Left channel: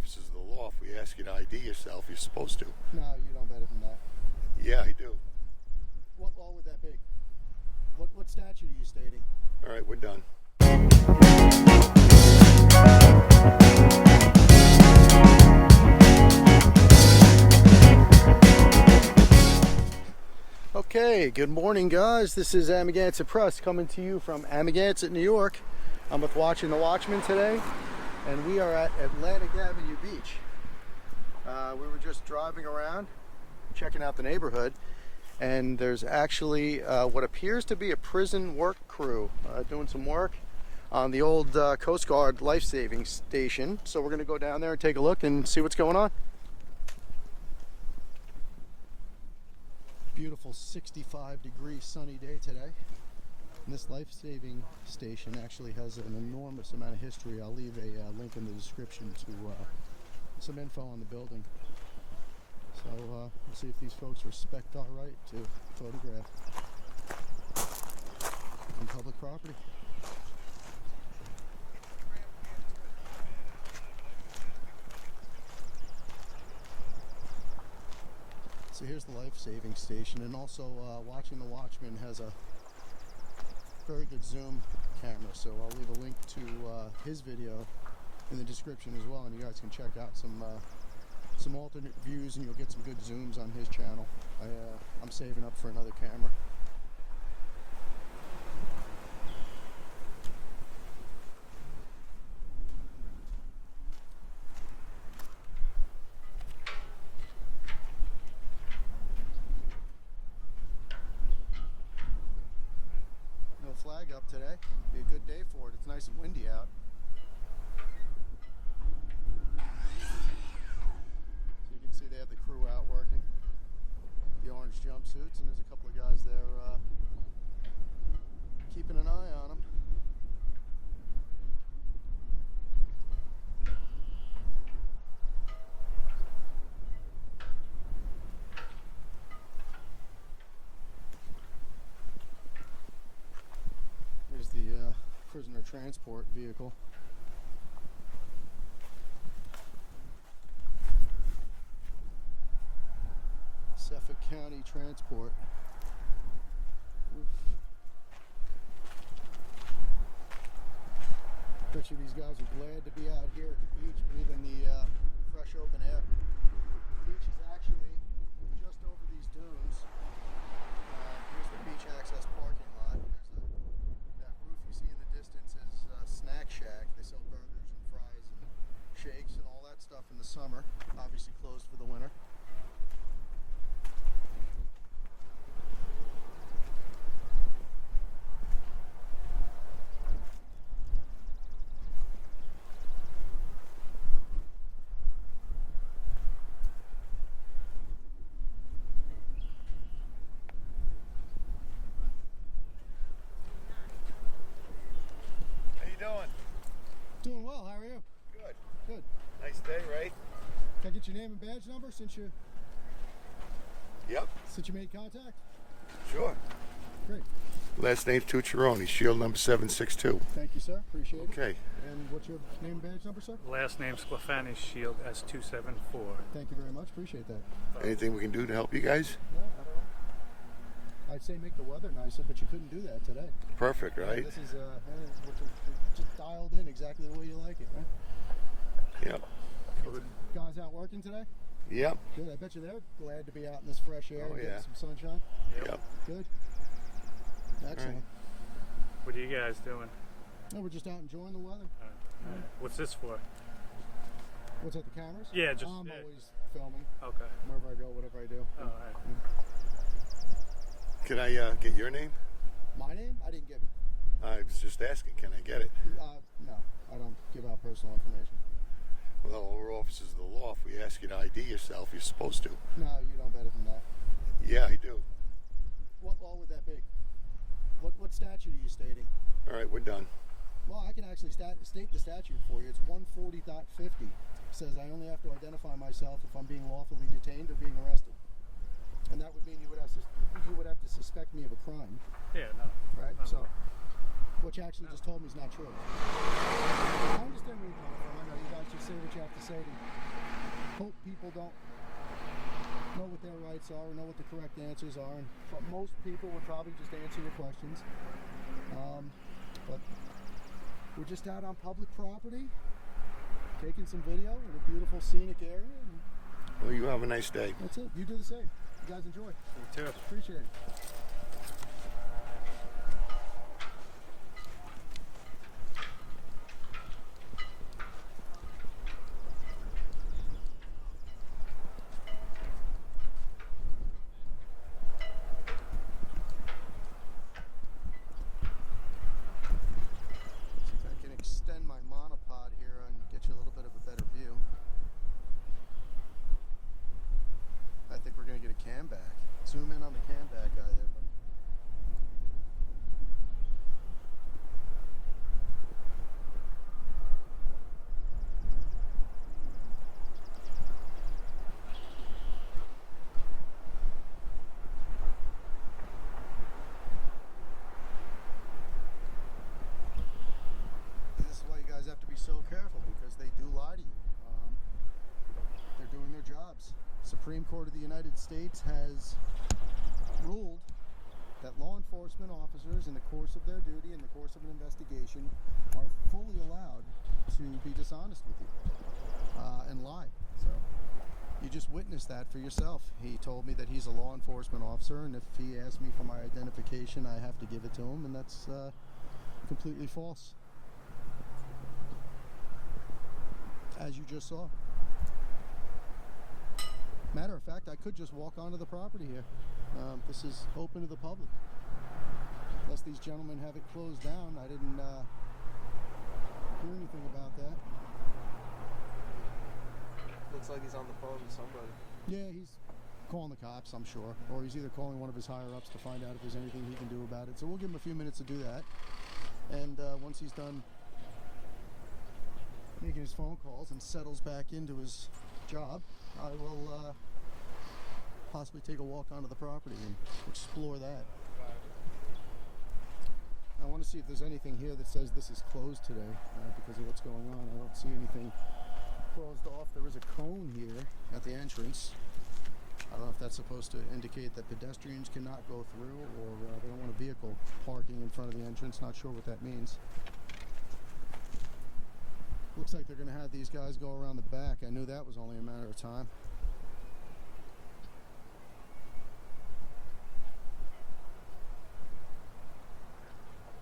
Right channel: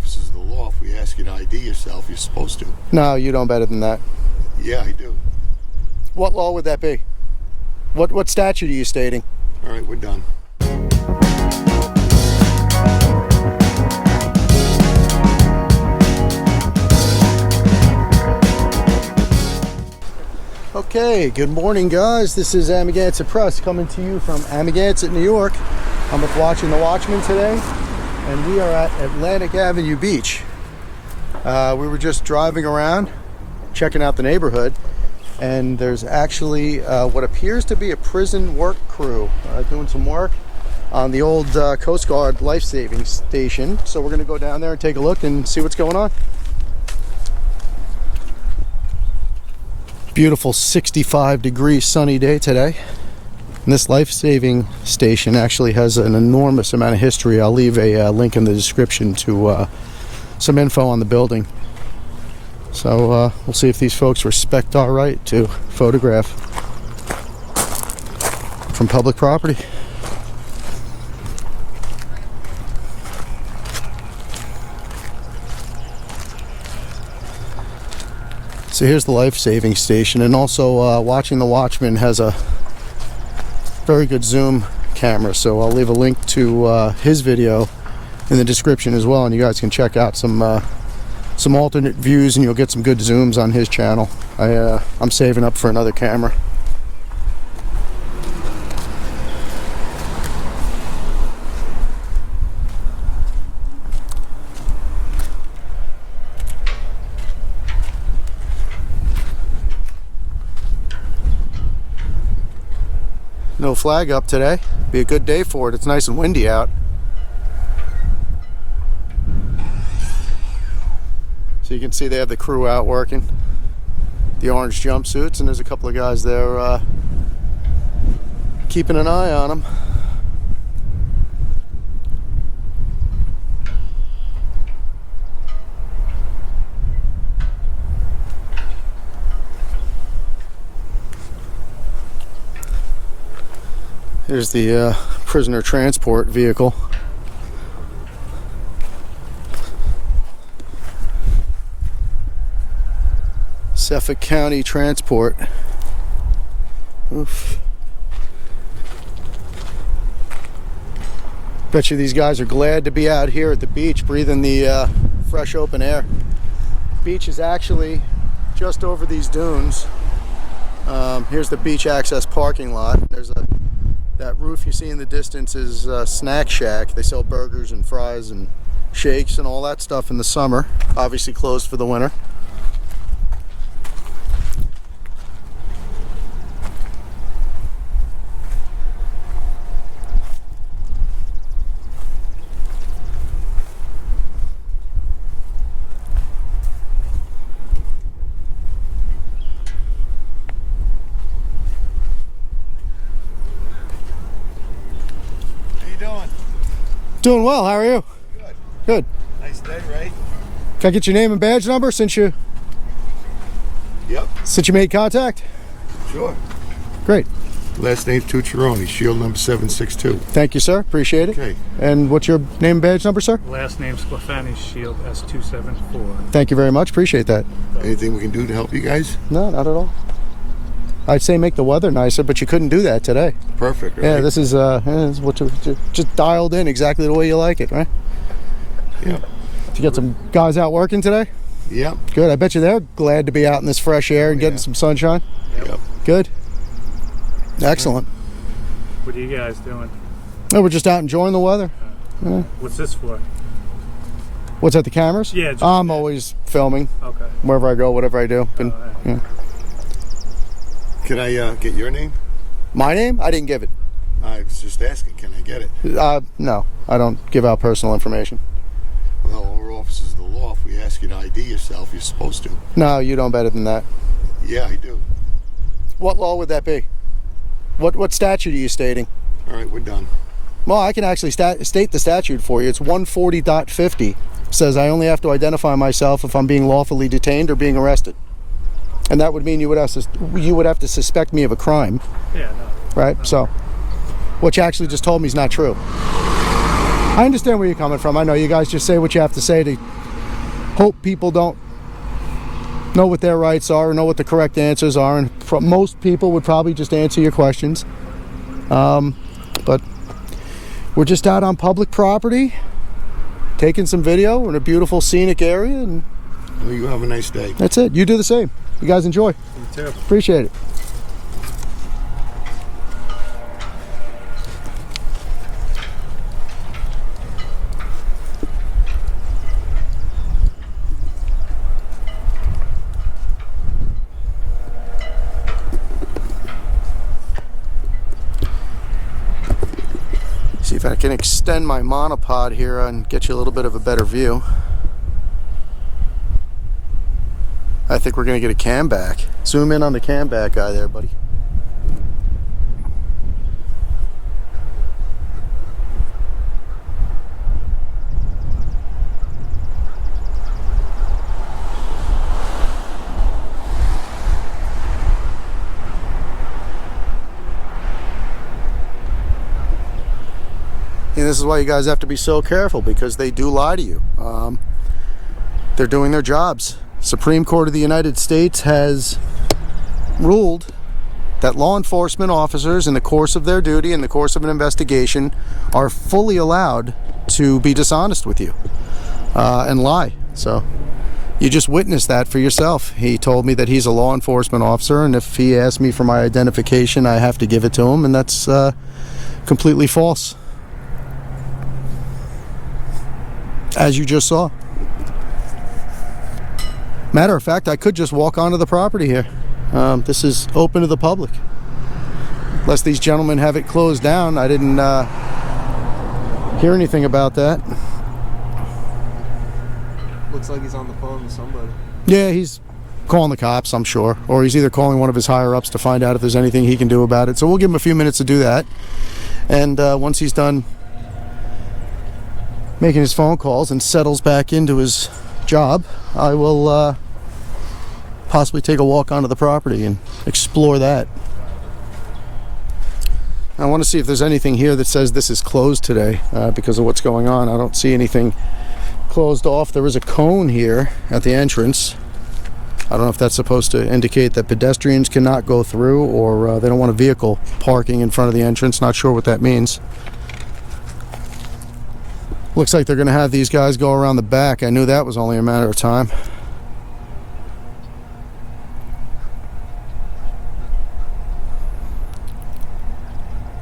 officers of the law. If we ask you to ID yourself, you're supposed to. No, you know better than that. Yeah, I do. What law would that be? What statute are you stating? All right, we're done. Okay, good morning, guys. This is Amagansett Press coming to you from Amagansett, New York. I'm with Watching the Watchmen today, and we are at Atlantic Avenue Beach. We were just driving around, checking out the neighborhood, and there's actually what appears to be a prison work crew doing some work on the old Coast Guard life-saving station. So we're going to go down there and take a look and see what's going on. Beautiful 65-degree sunny day today. And this life-saving station actually has an enormous amount of history. I'll leave a link in the description to some info on the building. So we'll see if these folks respect our right to photograph from public property. So here's the life-saving station, and also Watching the Watchmen has a very good zoom camera, so I'll leave a link to his video in the description as well, and you guys can check out some alternate views, and you'll get some good zooms on his channel. I'm saving up for another camera. No flag up today. Be a good day for it. It's nice and windy out. So you can see they have the crew out working. The orange jumpsuits, and there's a couple of guys there keeping an eye on them. Here's the prisoner transport vehicle. Suffolk County Transport. Oof. Bet you these guys are glad to be out here at the beach breathing the fresh open air. Beach is actually just over these dunes. Here's the beach access parking lot. That roof you see in the distance is Snack Shack. They sell burgers and fries and shakes and all that stuff in the summer. Obviously closed for the winter. Doing well, how are you? Good. Good. Nice day, right? Can I get your name and badge number since you made contact? Sure. Great. Last name Tucciaroni, shield number 762. Thank you, sir. Appreciate it. Okay. And what's your name and badge number, sir? Last name Sclafani, shield S274. Thank you very much. Appreciate that. Anything we can do to help you guys? No, not at all. I'd say make the weather nicer, but you couldn't do that today. Perfect, right? Yeah, this is what you just dialed in exactly the way you like it, right? Yep. Did you get some guys out working today? Yep. Good. I bet you they're glad to be out in this fresh air and getting some sunshine. Yep. Good. Excellent. What are you guys doing? No, we're just out enjoying the weather. Yeah. What's this for? What's that, the cameras? Yeah. I'm always filming. Okay. Wherever I go, whatever I do. Right. Yeah. Can I get your name? My name? I didn't give it. I was just asking, can I get it? No, I don't give out personal information. Well, we're officers of the law. If we ask you to ID yourself, you're supposed to. No, you know better than that. Yeah, I do. What law would that be? What statute are you stating? All right, we're done. Well, I can actually state the statute for you. It's 140.50. It says I only have to identify myself if I'm being lawfully detained or being arrested. And that would mean you would have to suspect me of a crime. Yeah, no. Right? No. So, what you actually just told me is not true. I understand where you're coming from. I know you guys just say what you have to say to hope people don't know what their rights are or know what the correct answers are, and most people would probably just answer your questions. But we're just out on public property, taking some video. We're in a beautiful scenic area, and Well, you have a nice day. that's it. You do the same. You guys enjoy. You too. Appreciate it. See if I can extend my monopod here and get you a little bit of a better view. I think we're gonna get a cam back. Zoom in on the cam back guy there, buddy. And this is why you guys have to be so careful, because they do lie to you. They're doing their jobs. Supreme Court of the United States has ruled that law enforcement officers, in the course of their duty, in the course of an investigation, are fully allowed to be dishonest with you and lie. So you just witnessed that for yourself. He told me that he's a law enforcement officer, and if he asks me for my identification, I have to give it to him, and that's completely false. As you just saw. Matter of fact, I could just walk onto the property here. This is open to the public. Unless these gentlemen have it closed down. I didn't hear anything about that. Looks like he's on the phone with somebody. Yeah, he's calling the cops, I'm sure. Or he's either calling one of his higher-ups to find out if there's anything he can do about it. So we'll give him a few minutes to do that. And once he's done making his phone calls and settles back into his job, I will possibly take a walk onto the property and explore that. I want to see if there's anything here that says this is closed today because of what's going on. I don't see anything closed off. There is a cone here at the entrance. I don't know if that's supposed to indicate that pedestrians cannot go through, or they don't want a vehicle parking in front of the entrance. Not sure what that means. Looks like they're going to have these guys go around the back. I knew that was only a matter of time.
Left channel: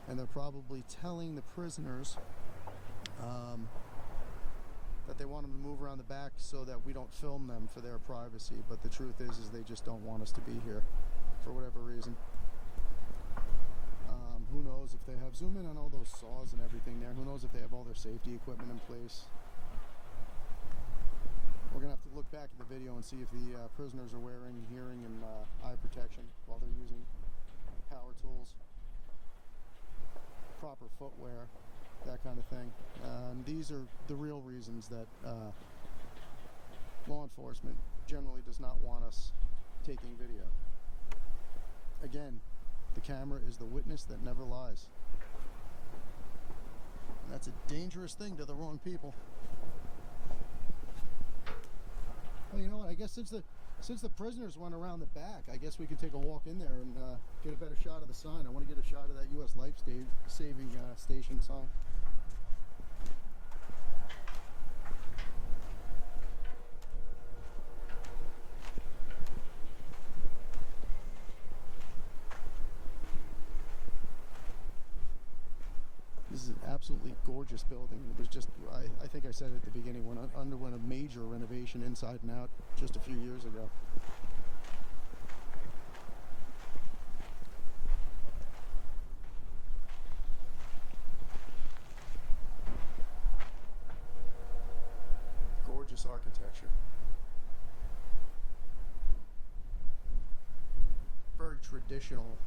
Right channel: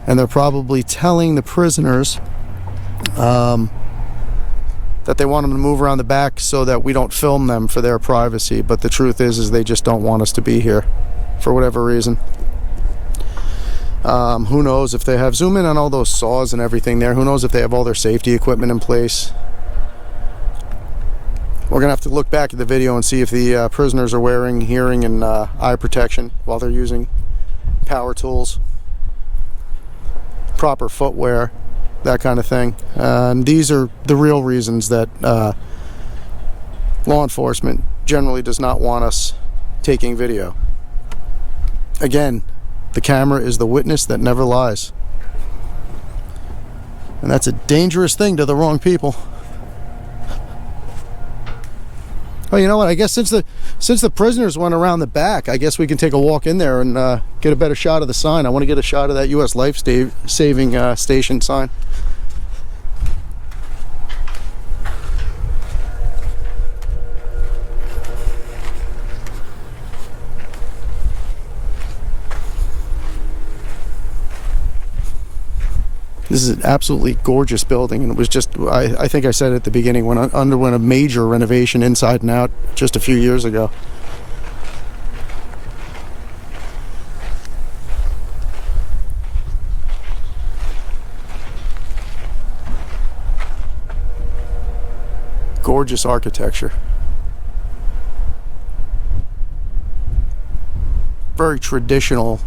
And they're probably telling the prisoners that they want them to move around the back so that we don't film them for their privacy. But the truth is they just don't want us to be here for whatever reason. Who knows if they have, zoom in on all those saws and everything there. Who knows if they have all their safety equipment in place. We're gonna have to look back at the video and see if the prisoners are wearing hearing and eye protection while they're using power tools, proper footwear, that kind of thing. These are the real reasons that law enforcement generally does not want us taking video. Again, the camera is the witness that never lies. And that's a dangerous thing to the wrong people. Oh, you know what? I guess since the prisoners went around the back, I guess we can take a walk in there and get a better shot of the sign. I want to get a shot of that U.S. Life Saving Station sign. This is an absolutely gorgeous building, and it was just, I think I said at the beginning, when it underwent a major renovation inside and out just a few years ago. Gorgeous architecture. Very traditional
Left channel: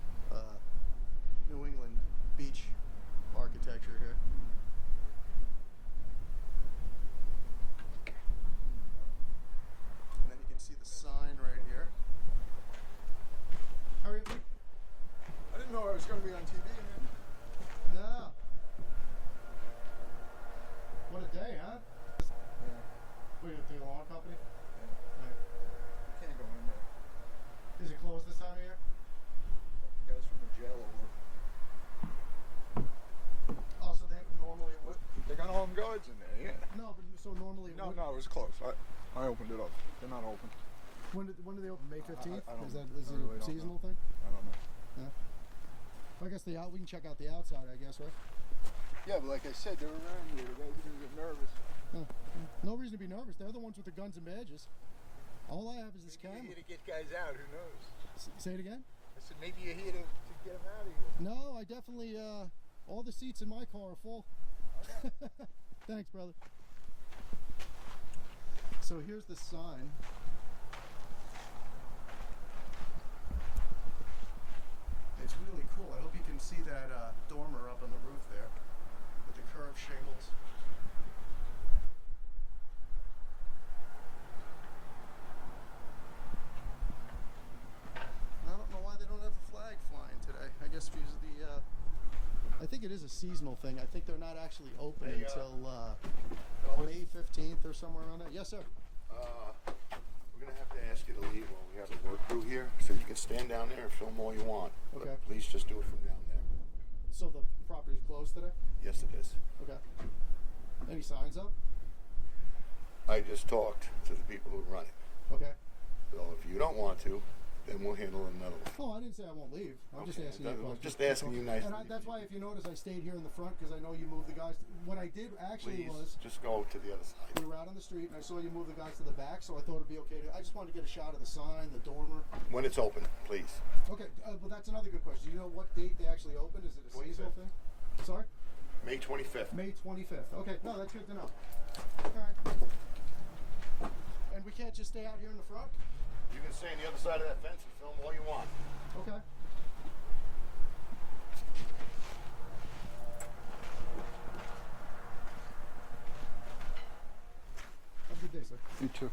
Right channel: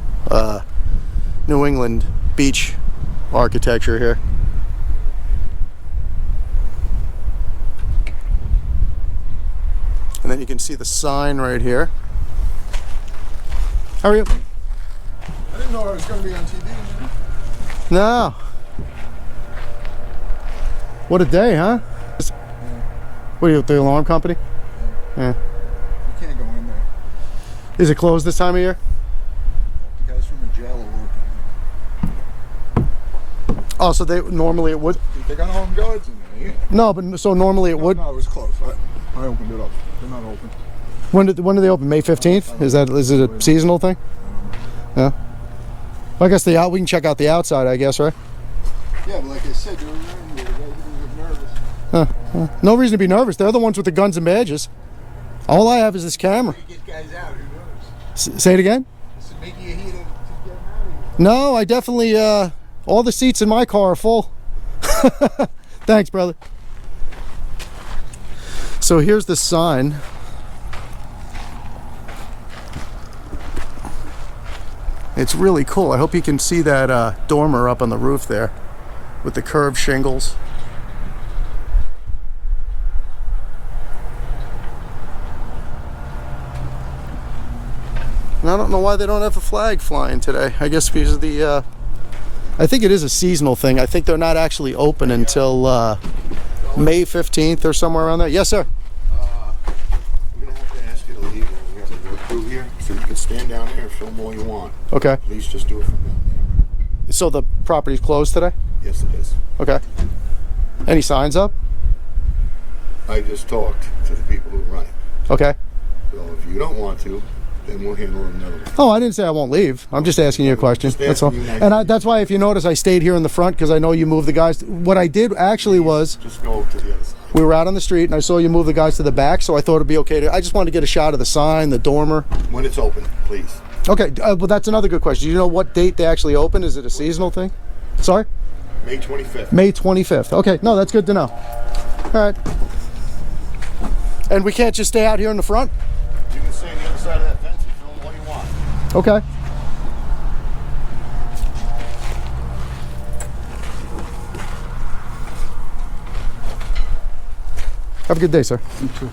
New England beach architecture here. And then you can see the sign right here. How are you? I didn't know I was going to be on TV. No. What a day, huh? What are you, the alarm company? Yeah. You can't go in there. Is it closed this time of year? The guys from the jail are working. Oh, so they normally it would. They got home guards in there. Yeah. No, but so normally it would. No, it was closed. I opened it up. They're not open. When do they open? May 15th? Is it a seasonal thing? Yeah. Well, I guess we can check out the outside, I guess, right? Yeah, but like I said, they were nervous. No reason to be nervous. They're the ones with the guns and badges. All I have is this camera. You get guys out. Who knows? Say it again? So maybe you're here to get out of here. No, I definitely, all the seats in my car are full. Thanks, brother. So here's the sign. It's really cool. I hope you can see that dormer up on the roof there with the curved shingles. And I don't know why they don't have a flag flying today. I guess because of the, I think it is a seasonal thing. I think they're not actually open until May 15th or somewhere around there. Yes, sir. We're going to have to ask you to leave. We have to go through here, so you can stand down there and film all you want. Okay. Please just do it from down there. So the property's closed today? Yes, it is. Okay. Any signs up? I just talked to the people who run it. Okay. So if you don't want to, then we'll handle it another way. Oh, I didn't say I won't leave. I'm just asking you a question. Just That's all. asking you nicely. And that's why, if you notice, I stayed here in the front because I know you moved the guys. What I did actually was Just go to the other side. we were out on the street and I saw you move the guys to the back, so I thought it'd be okay to. I just wanted to get a shot of the sign, the dormer. When it's open, please. Okay, well, that's another good question. Do you know what date they actually open? Is it a seasonal thing? Sorry? May 25th. May 25th. Okay, no, that's good to know. All right. And we can't just stay out here in the front? You can stay on the other side of that fence and film all you want. Okay. Have a good day, sir. You too.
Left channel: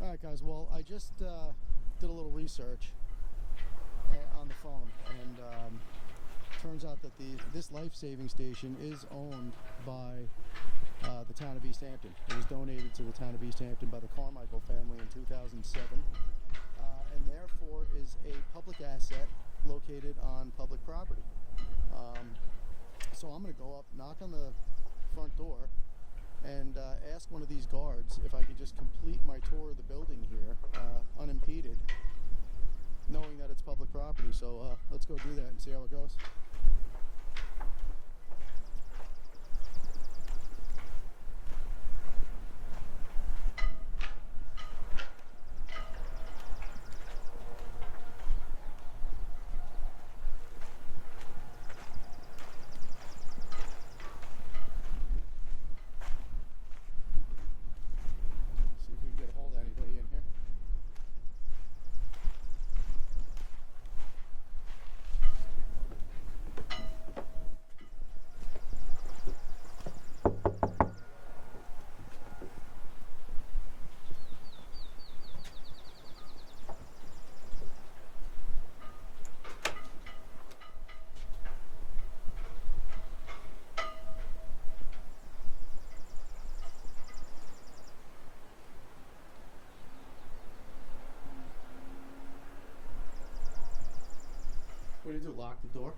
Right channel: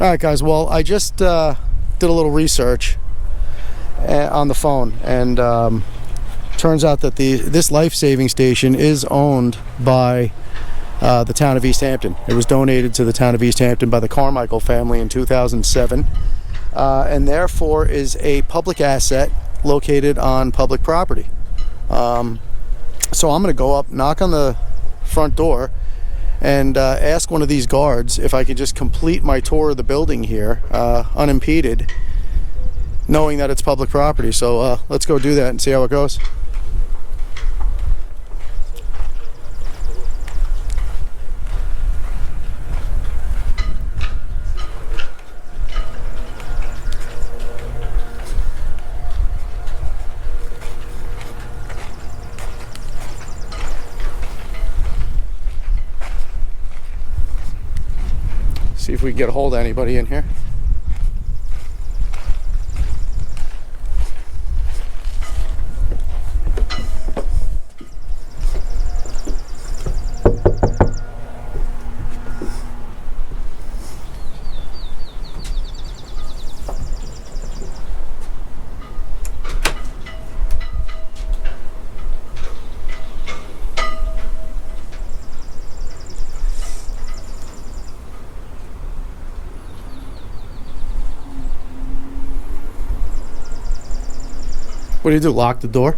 All right, guys. Well, I just did a little research on the phone, and turns out that this life-saving station is owned by the town of East Hampton. It was donated to the town of East Hampton by the Carmichael family in 2007, and therefore is a public asset located on public property. So I'm going to go up, knock on the front door, and ask one of these guards if I could just complete my tour of the building here unimpeded, knowing that it's public property. So let's go do that and see how it goes. See if we can get a hold of anybody in here. What do you do? Lock the door?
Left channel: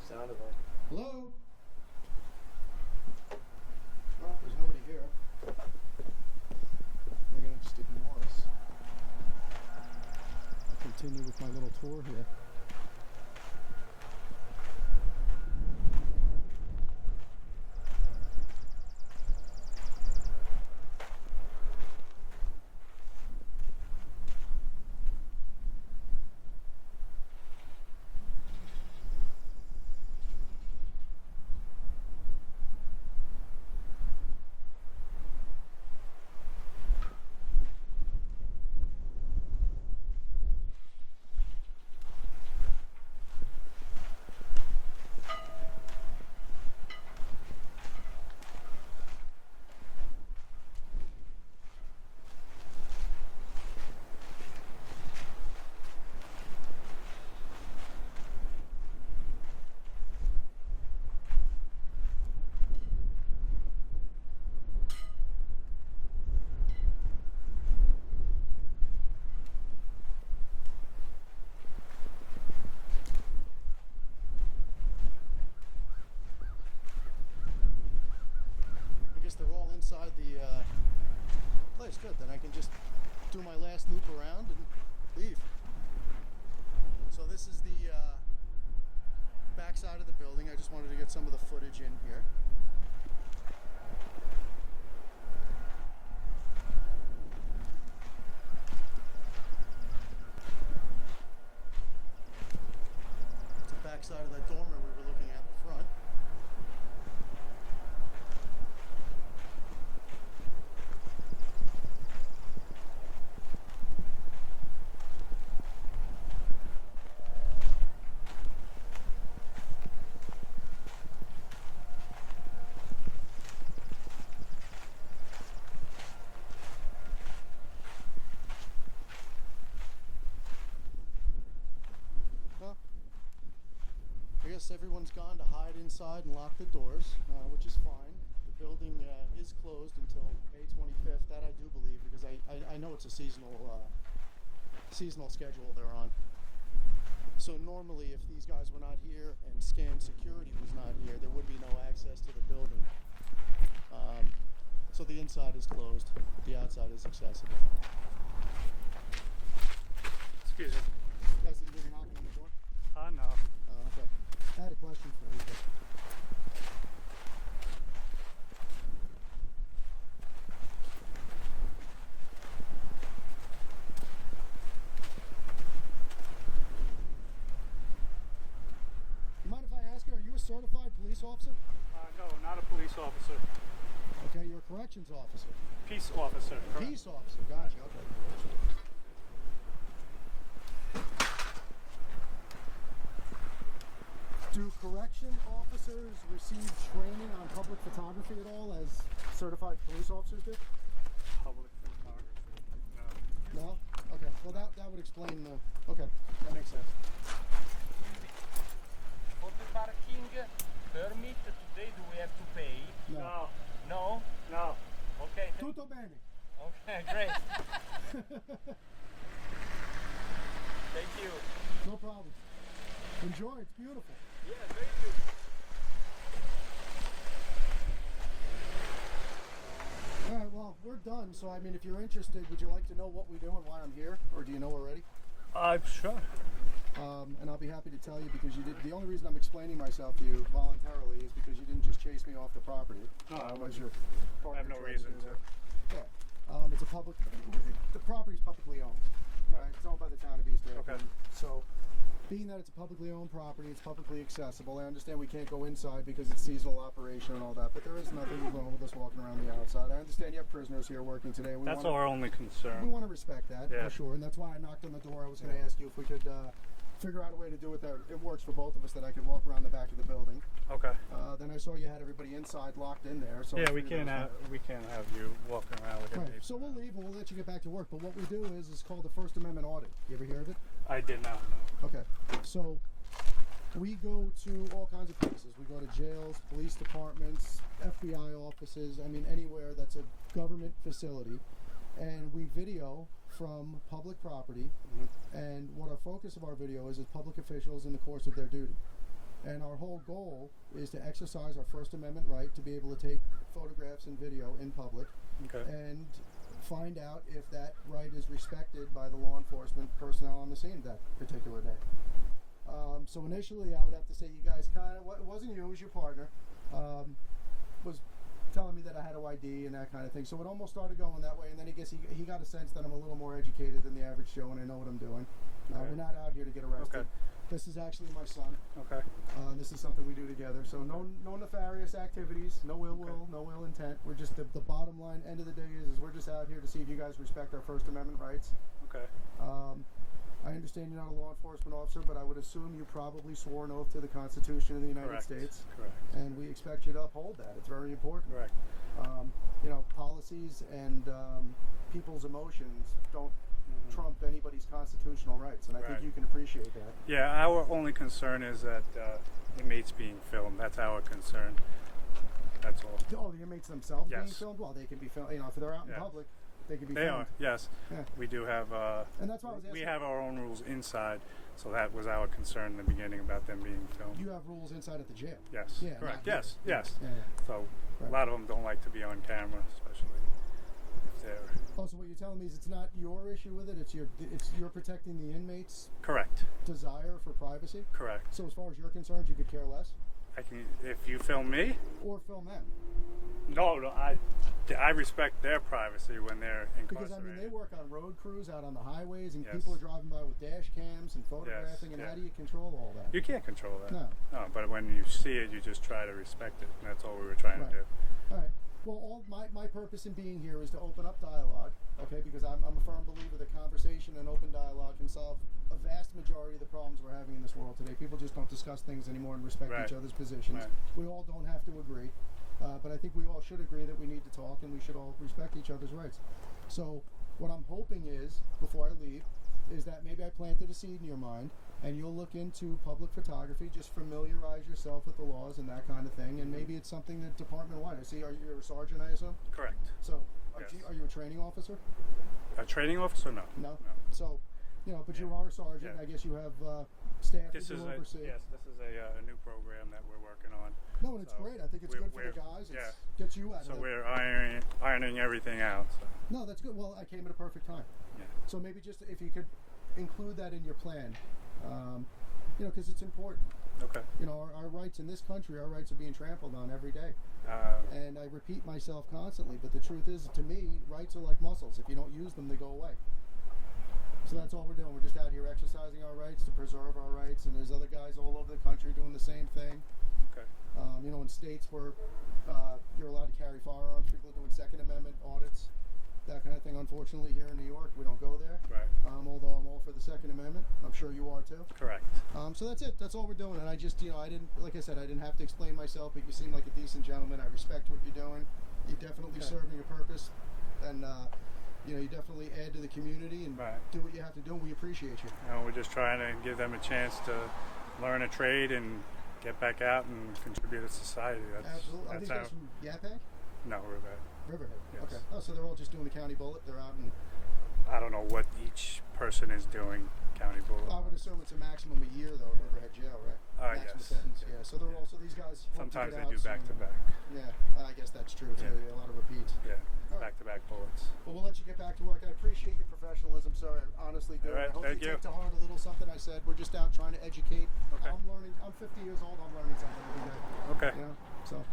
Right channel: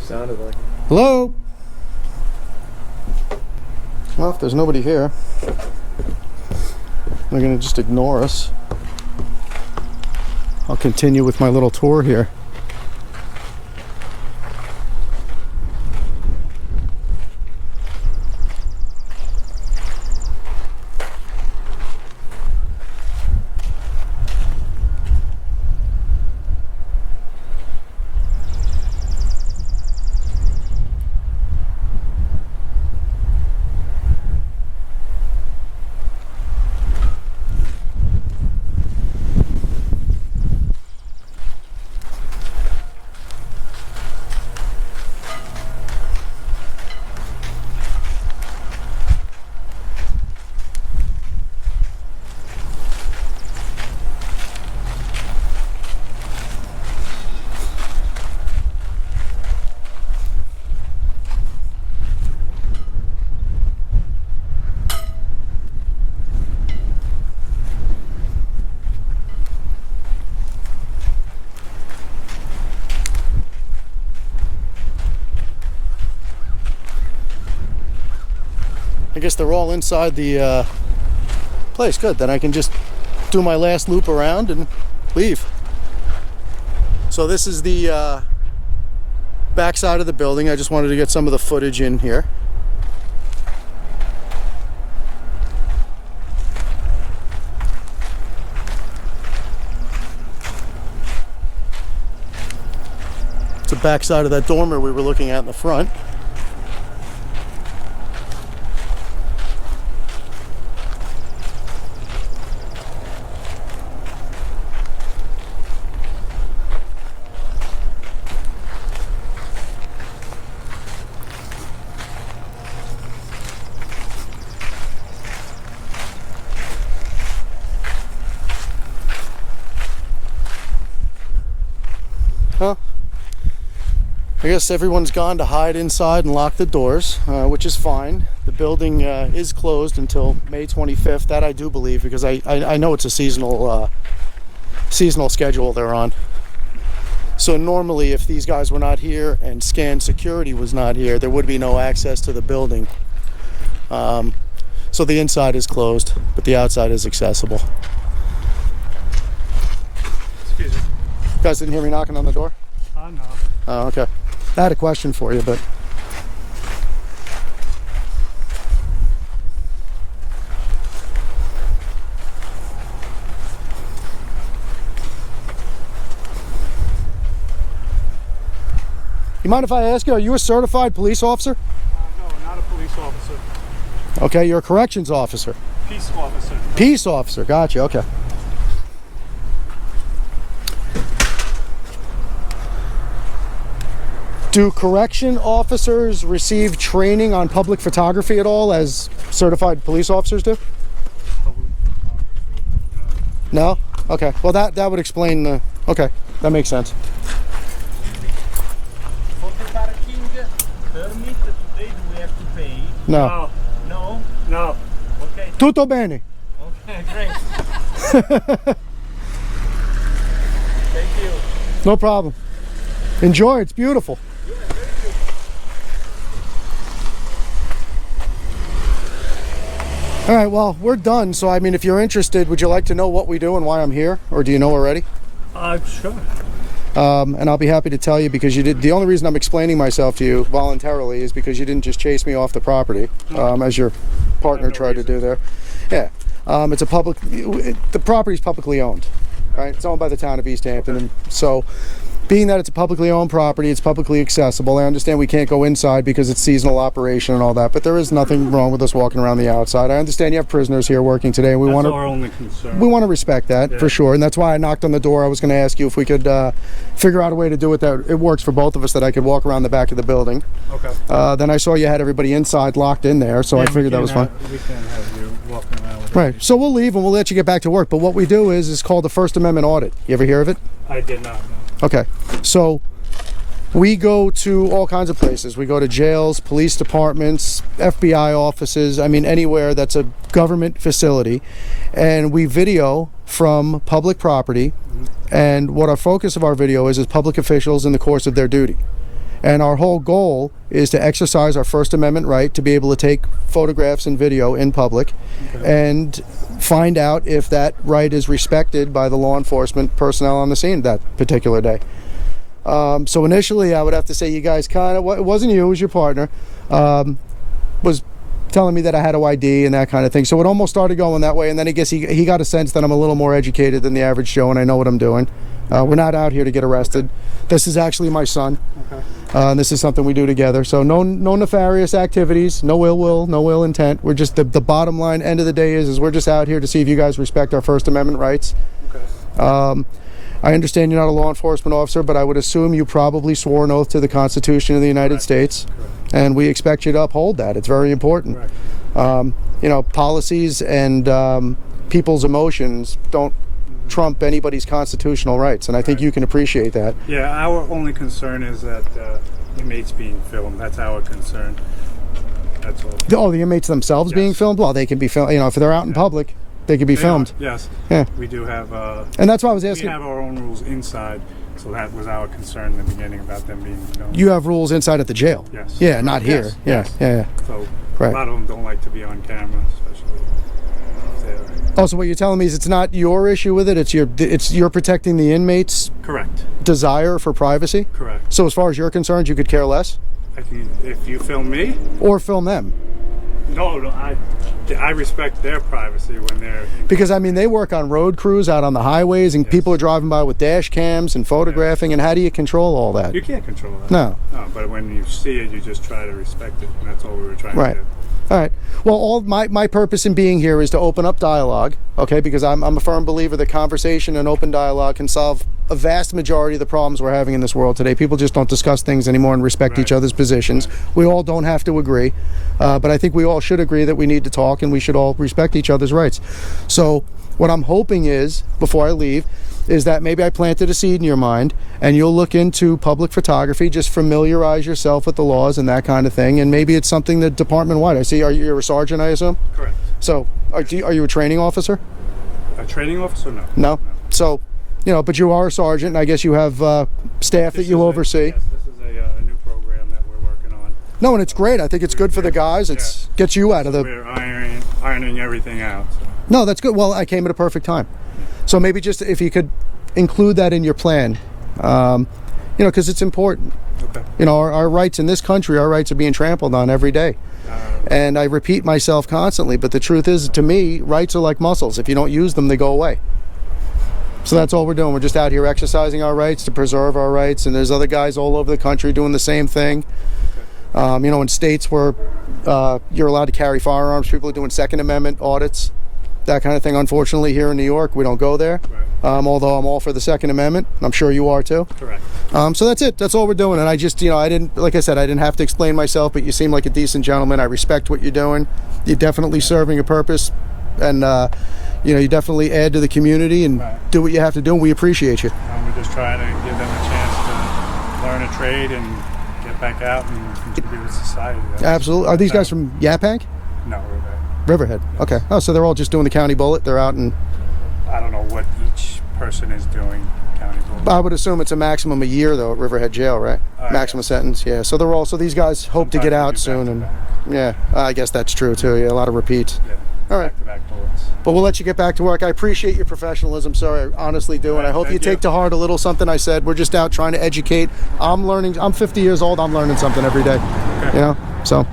Sounded like. Hello? Well, if there's nobody here, they're gonna just ignore us. I'll continue with my little tour here. I guess they're all inside the place. Good. Then I can just do my last loop around and leave. So this is the back side of the building. I just wanted to get some of the footage in here. It's the back side of that dormer we were looking at in the front. Huh? I guess everyone's gone to hide inside and lock the doors, which is fine. The building is closed until May 25th. That I do believe, because I know it's a seasonal schedule they're on. So normally, if these guys were not here and scan security was not here, there would be no access to the building. So the inside is closed, but the outside is accessible. Excuse me. You guys didn't hear me knocking on the door? Oh, no. Oh, okay. I had a question for you, but... You mind if I ask you, are you a certified police officer? No, not a police officer. Okay, you're a corrections officer. Peace officer. Peace officer, gotcha, okay. Do correction officers receive training on public photography at all, as certified police officers do? No? Okay, well that would explain the... Okay, that makes sense. For the parking permit today, do we have to pay? No. No? No. Okay. Tutto bene. Okay, great. Thank you. No problem. Enjoy, it's beautiful. All right, well, we're done. So, I mean, if you're interested, would you like to know what we do and why I'm here? Or do you know already? Sure. And I'll be happy to tell you, because you did. The only reason I'm explaining myself to you voluntarily is because you didn't just chase me off the property, as your partner tried to do there. Yeah, it's a public. The property's publicly owned, right? It's owned by the town of East Hampton, and so, being that it's a publicly owned property, it's publicly accessible. I understand we can't go inside because it's seasonal operation and all that, but there is nothing wrong with us walking around the outside. I understand you have prisoners here working today, and we want That's our only concern. we want to respect that, Yeah. for sure, and that's why I knocked on the door. I was going to ask you if we could figure out a way to do it that it works for both of us, that I could walk around the back of the building. Okay. Then I saw you had everybody inside locked in there, so I figured that was fine. We can't have you walking around with Right, so we'll leave and we'll let you get back to work, but what we do is called the First Amendment audit. You ever hear of it? I did not know. Okay, so we go to all kinds of places. We go to jails, police departments, FBI offices, I mean anywhere that's a government facility, and we video from public property, and what our focus of our video is public officials in the course of their duty. And our whole goal is to exercise our First Amendment right to be able to take photographs and video in public, and find out if that right is respected by the law enforcement personnel on the scene that particular day. So initially, I would have to say you guys kind of, it wasn't you, it was your partner, was telling me that I had to ID and that kind of thing. So it almost started going that way, and then I guess he got a sense that I'm a little more educated than the average Joe, and I know what I'm doing. We're not out here to get arrested. This is actually my son. Okay. And this is something we do together. So no nefarious activities, no ill will, no ill intent. We're just, the bottom line, end of the day is we're just out here to see if you guys respect our First Amendment rights. Okay. I understand you're not a law enforcement officer, but I would assume you probably swore an oath to the Constitution of the United States. And we expect you to uphold that. It's very important. Right. You know, policies and people's emotions don't trump anybody's constitutional rights, and I think you can appreciate that. Yeah, our only concern is that inmates being filmed. That's our concern. That's all. Oh, the inmates themselves being Yes. filmed? Well, they can be filmed. You know, if they're out in public, they can be filmed. Yes. Yeah. We do have. And that's why I was We asking. have our own rules inside. So that was our concern in the beginning about them being filmed. You have rules inside at the jail. Yes. Yeah, not here. Yes, Yeah, yes. yeah, yeah. So Right. a lot of them don't like to be on camera, especially if they're Oh, so what you're telling me is it's not your issue with it. It's you're protecting the inmates' correct. desire for privacy. Correct. So as far as you're concerned, you could care less, If you film me, or film them, no, I respect their privacy when they're. because I mean they work on road crews out on the highways, and Yes. people are driving by with dash cams and photographing. And how do you control all that? You can't control that. No. But when you see it, you just try to respect it, and that's all we were trying Right. to do. All right. Well, all my purpose in being here is to open up dialogue, okay? Because I'm a firm believer that conversation and open dialogue can solve a vast majority of the problems we're having in this world today. People just don't discuss things anymore and respect each Right. other's positions. We all don't have to agree, but I think we all should agree that we need to talk and we should all respect each other's rights. So what I'm hoping is, before I leave, is that maybe I planted a seed in your mind and you'll look into public photography, just familiarize yourself with the laws and that kind of thing, and maybe it's something that department-wide. I see you're a sergeant, I assume? Correct. So are you a training officer? A training officer? No. No? So, but you are a sergeant, and I guess you have staff that This you is oversee. Yes, this is a new program that we're working on. No, and it's great. I think it's good for the guys. It's gets you out of the... We're ironing everything out. So. No, that's good. Well, I came at a perfect time. So maybe just if you could include that in your plan, because it's important. Okay. Our rights in this country, our rights are being trampled on every day. And I repeat myself constantly, but the truth is, to me, rights are like muscles. If you don't use them, they go away. So that's all we're doing. We're just out here exercising our rights to preserve our rights, and there's other guys all over the country doing the same thing. In states where you're allowed to carry firearms, people are doing Second Amendment audits, that kind of thing. Unfortunately, here in New York, we don't go there. Right. Although I'm all for the Second Amendment. I'm sure you are too. Correct. So that's it. That's all we're doing. And I just, I didn't, like I said, I didn't have to explain myself, but you seem like a decent gentleman. I respect what you're doing. You're definitely serving a purpose, and you definitely add to the community and Right. do what you have to do. And we appreciate you. And we're just trying to give them a chance to learn a trade and get back out and contribute to society. Absolutely. Are these guys from Yaphank? No, we're back. Riverhead. Okay. Oh, so they're all just doing the county bullet. They're out, and I don't know what each person is doing. County board. I would assume it's a maximum a year though at Riverhead Jail, right? Maximum sentence. Yeah. So they're all. So these guys hope to get out soon, and yeah, I guess that's true too. Yeah, a lot of repeats. Yeah. All right. Back-to-back bullets. But we'll let you get back to work. I appreciate your professionalism, sir. I honestly do, and I hope you Thank take you. to heart a little something I said. We're just out trying to educate. I'm learning. I'm 50 years old. I'm learning something every day. Okay. So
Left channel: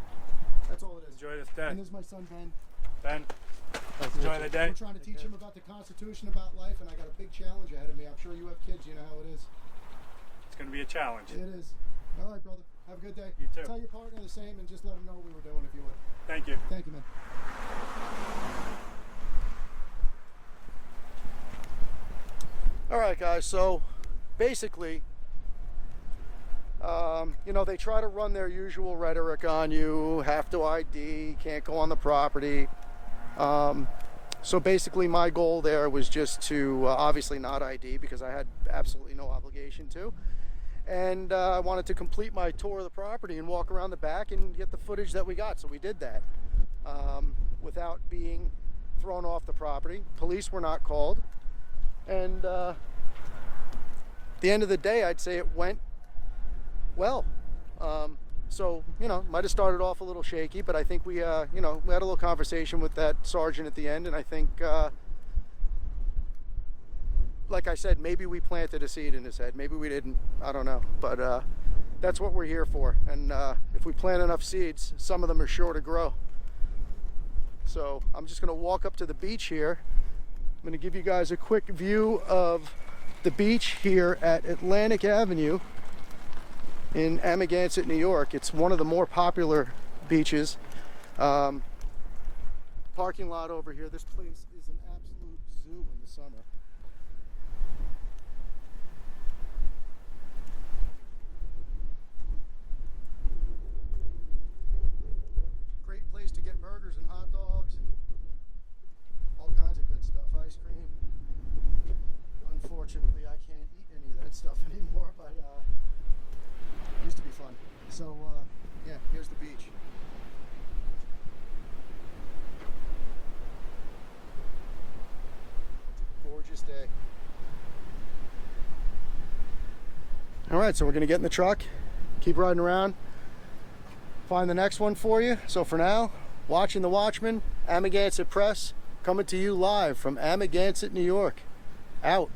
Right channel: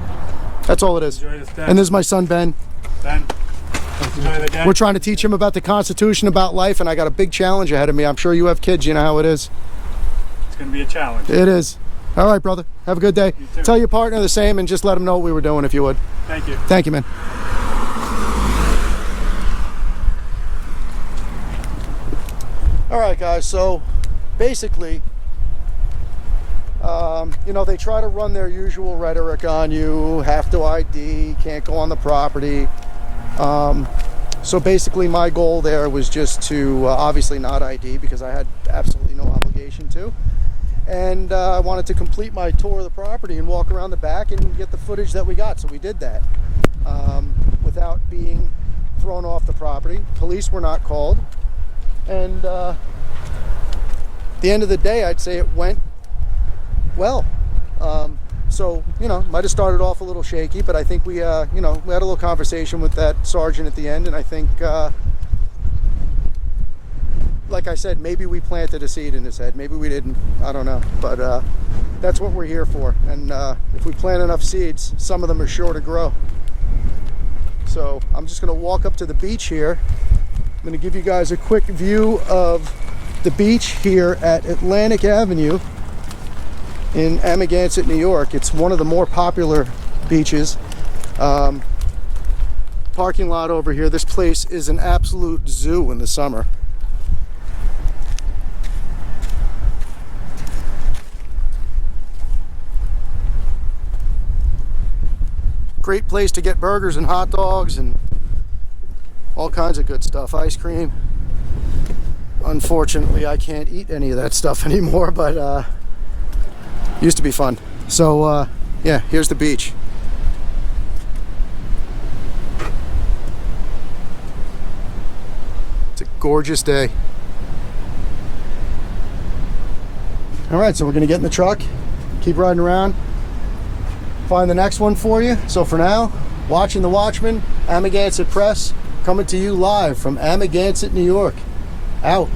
that's all it is. Enjoy this day. And this is my son Ben. Ben, enjoy the day. We're trying to teach him about the Constitution, about life, and I got a big challenge ahead of me. I'm sure you have kids. You know how it is. It's going to be a challenge. It is. All right, brother. Have a good day. You too. Tell your partner the same, and just let him know what we were doing if you would. Thank you. Thank you, man. All right, guys. So basically, they try to run their usual rhetoric on you. Have to ID, can't go on the property. So basically, my goal there was just to obviously not ID because I had absolutely no obligation to. And I wanted to complete my tour of the property and walk around the back and get the footage that we got. So we did that without being thrown off the property. Police were not called. And at the end of the day, I'd say it went well. So, might have started off a little shaky, but I think we had a little conversation with that sergeant at the end, and I think, like I said, maybe we planted a seed in his head. Maybe we didn't. I don't know. But that's what we're here for. And if we plant enough seeds, some of them are sure to grow. So I'm just going to walk up to the beach here. I'm going to give you guys a quick view of the beach here at Atlantic Avenue in Amagansett, New York. It's one of the more popular beaches. Parking lot over here. This place is an absolute zoo in the summer. Great place to get burgers and hot dogs and all kinds of good stuff. Ice cream. Unfortunately, I can't eat any of that stuff anymore, but used to be fun. So yeah, here's the beach. It's a gorgeous day. All right, so we're gonna get in the truck, keep riding around, find the next one for you. So for now, watching the Watchmen, Amagansett Press, coming to you live from Amagansett, New York. Out.